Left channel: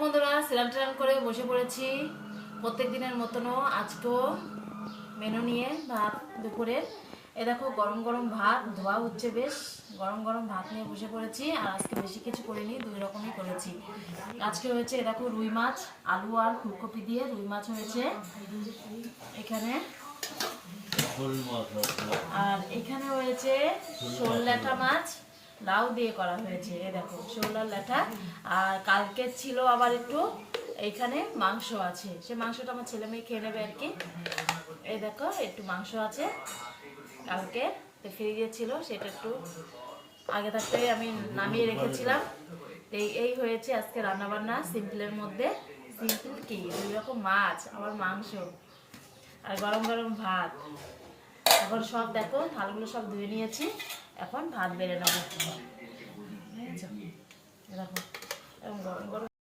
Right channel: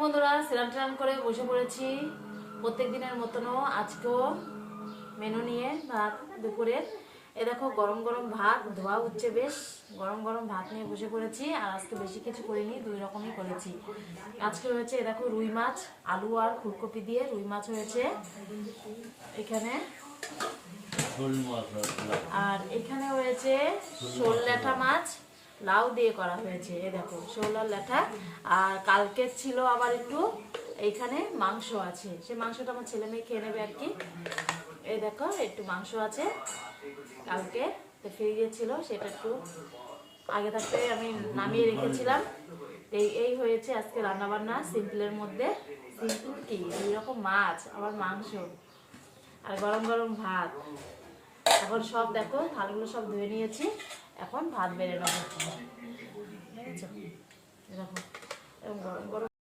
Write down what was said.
বন্ধুরা, স্নান টান করে বসে পড়েছি প্রত্যেক দিনের মতনও আজকেও মেনু নিয়ে ভাত দুপুরে। এ দেখো গরম গরম ভাত ধোয়া হচ্ছে, বেশ গরম গরম ভাত নিয়ে বসে পড়েছি। আর আজকে বেশি কিছু করিনি, দুই রকমই করেছি। আজকে হয়েছে এ দেখো রুই মাছ, আলু আর ফুলকপি দিয়ে রুই মাছ হয়েছে এখানে। আর এখানে হয়েছে শোল ল্যাঠা মাছ, লাউ দিয়ে করা হয়েছে। এ দেখো শোল আর ল্যাঠা। আর কালকে ছিল আবার একটু এইখানে মাংস আছে, সে মাংসটা আমার ছেলে মেয়ে খেয়ে নেবে আর কি। এই দেখো একটু মাংস আছে কালকে ফ্রিজে ছিল, সেটা একটু আগে থাকতে আমি নামিয়ে রেখেছিলাম। এই হয়েছে আজকে রান্নাবান্না সিম্পলের মধ্যে। সিম্পল কি, দুই রকম মাছ আবার মাংস আর গরম গরম ভাত। এখন সব দেখো থালগুলো সব ধুয়ে নিয়েছি, এখন ভাত বেড়ে নেবো। দেখো গরম গরম